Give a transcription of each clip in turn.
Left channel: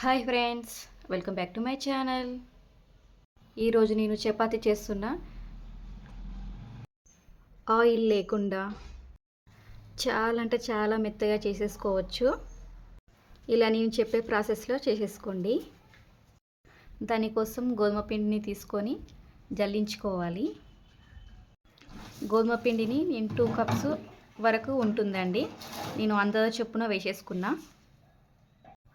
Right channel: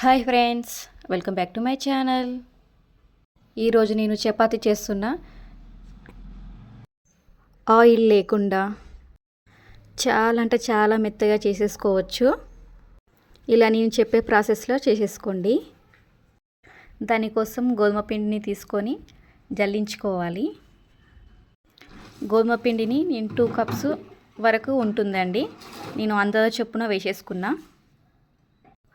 Hi friends, welcome back to my channel. ఈరోజు నేను చపాతీ చేస్తున్నా. ఆయిల్ లేకుండా చాలా అంటే చాలా మెత్తగా చేసేసుకోవచ్చు. ఇలా నేను చెప్పే ప్రాసెస్లో చేసేసుకోండి. దానికోసం గోధుమ పిండిని తీసుకొని జల్లించుకోవాలి. గోధుమ పిండిని నేను 2 కప్స్ వరకు ఉంటుందండి. నేను అందాజ చొప్పున వేసేసుకున్నా.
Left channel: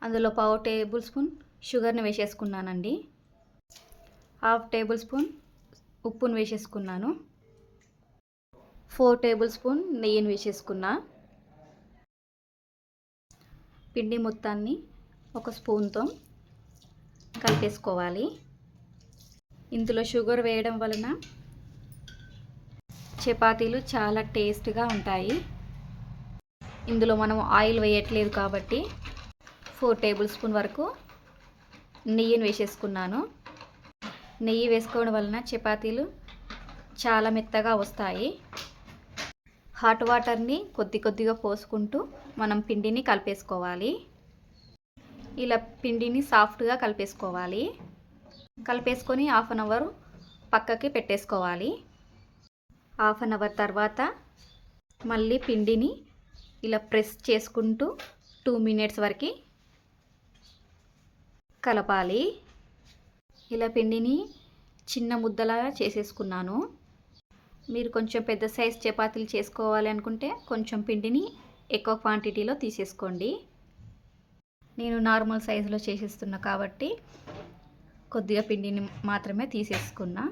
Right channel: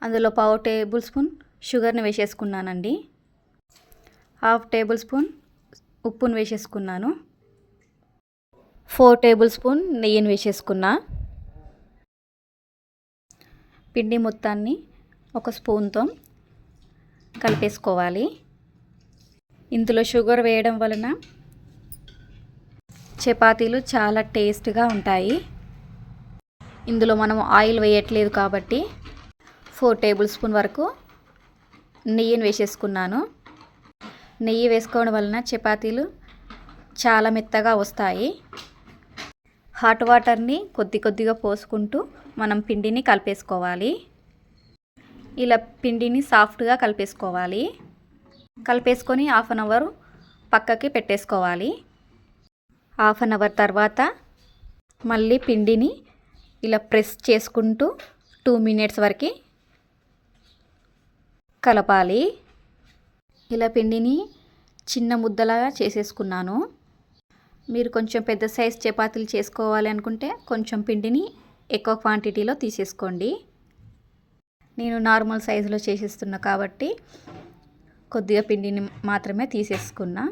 అందులో 1/2 టేబుల్ స్పూన్ షుగర్ని వేసేసుకున్నానండి. 1/2 టేబుల్ స్పూన్ ఉప్పును వేసేసుకున్నాను. 4 టేబుల్ స్పూన్ నెయ్యిని వేసేసుకున్నా. పిండి మొత్తాన్ని ఒక స్పూన్తో కలిపేసుకోవాలి. ఇందులో షుగర్ వేయడం వలన చపాతీలు చాలా టేస్ట్గా ఉంటాయి. ఇందులో మనం ఆయిల్ వేయట్లేదు కాబట్టి 4 టేబుల్ స్పూన్ వరకు నెయ్యిని వేసేసుకున్నాను. నెయ్యి వేసుకోవడం వలన చపాతీలు చాలా మెత్తగా వస్తాయి. హాట్ వాటర్ని కొద్దిగా పోసుకుంటూ మనం పిండిని కలిపేసుకోవాలి. ఇలా పిండిని సాఫ్ట్గా కలిపేసుకోవాలి. కలిపేసుకొని 1/2 అవర్ పక్కకి పెట్టేసుకోవాలి. 1/2 అవర్ తర్వాత మళ్ళీ పిండిని ఇలా ప్రెస్ చేసుకుంటూ 2 మినిట్స్ వరకు కలపాలి. ఇలా పిండిని చిన్న ముద్దలాగా చేసేసుకున్నాను. మీరు కొంచెం పెద్ద సైజ్ చపాతీలు చేసుకోవాలి అనుకుంటే కొంచెం పిండిని ఎక్కువ క్వాంటిటీలో తీసేసుకోండి. నేను నార్మల్ సైజులో చేసేస్తున్నా కాబట్టి కొద్దిగా పిండిని మాత్రమే తీసేసుకున్నా.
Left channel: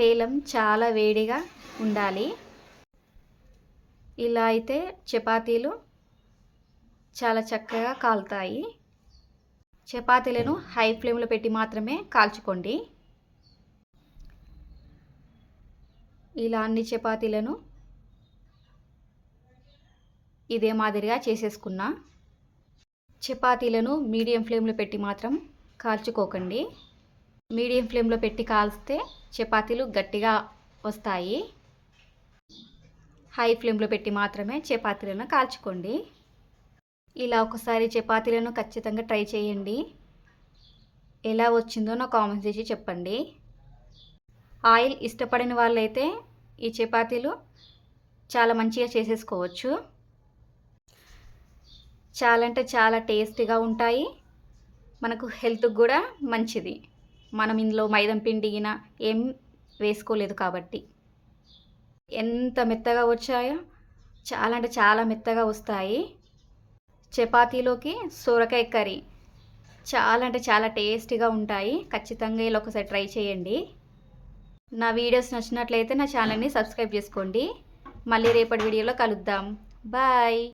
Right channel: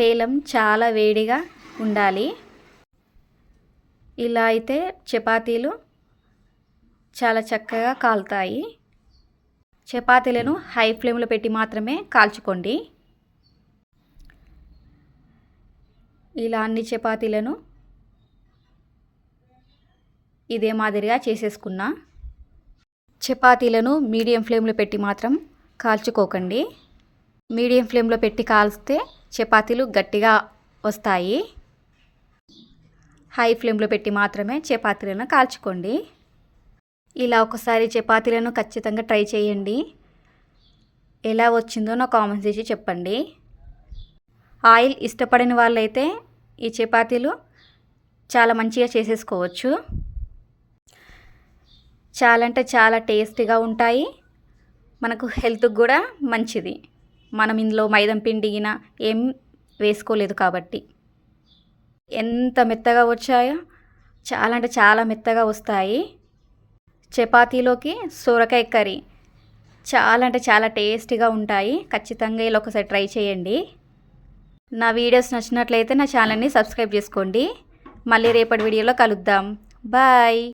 పేలం చాలా వేడిగా ఉండాలి. ఇలా అయితే చపాతీలు చాలా చక్కగా కాలుతాయి. చపాతీలను హై ఫ్లేమ్లో పెట్టి మాత్రమే కాల్చుకోండి. ఇలా అన్ని చపాతీలను ఇదే మాదిరిగా చేసేసుకున్నా. చపాతీలను మీడియం ఫ్లేమ్లో పెట్టి మాత్రం కాల్చుకోకండి. మీడియం ఫ్లేమ్లో పెట్టి కాల్స్తే చపాతీలు గట్టిగా వస్తాయి. హై ఫ్లేమ్లో పెట్టి మాత్రమే చపాతీలను కాల్చుకోండి. ఇలా ఒకసారి చపాతీలను ఖచ్చితంగా ట్రై చేయండి. ఎలా వచ్చిందో నా కామెంట్స్ చేసి చెప్పండి. ఆయిల్ ఇష్టపడని వాళ్ళైతే ఈ చపాతీలు చాలా మంచిగా చేసేసుకోవచ్చు. చాలా అంటే చాలా టేస్టీగా ఉంటాయి. మనకు హెల్త్కి కూడా మంచిది. మనం ఇందులో మైదా పిండి ఏం వేసుకోలేదు కాబట్టి ఎంత మెత్తగా వచ్చాయో, చాలా అంటే చాలా మెత్తగా వస్తాయి. చపాతీలోకి సొరకాయ కర్రీ చాలా అంటే చాలా టేస్టీగా ఉంటాయి. ఖచ్చితంగా ఇలా ఒకసారి ట్రై చేయండి. నా వీడియోస్ నచ్చినట్లయితే నా ఛానల్ని సబ్స్క్రైబ్ చేసుకోండి. మళ్ళీ రేపటి వీడియోలో కలుద్దాం. బాయ్.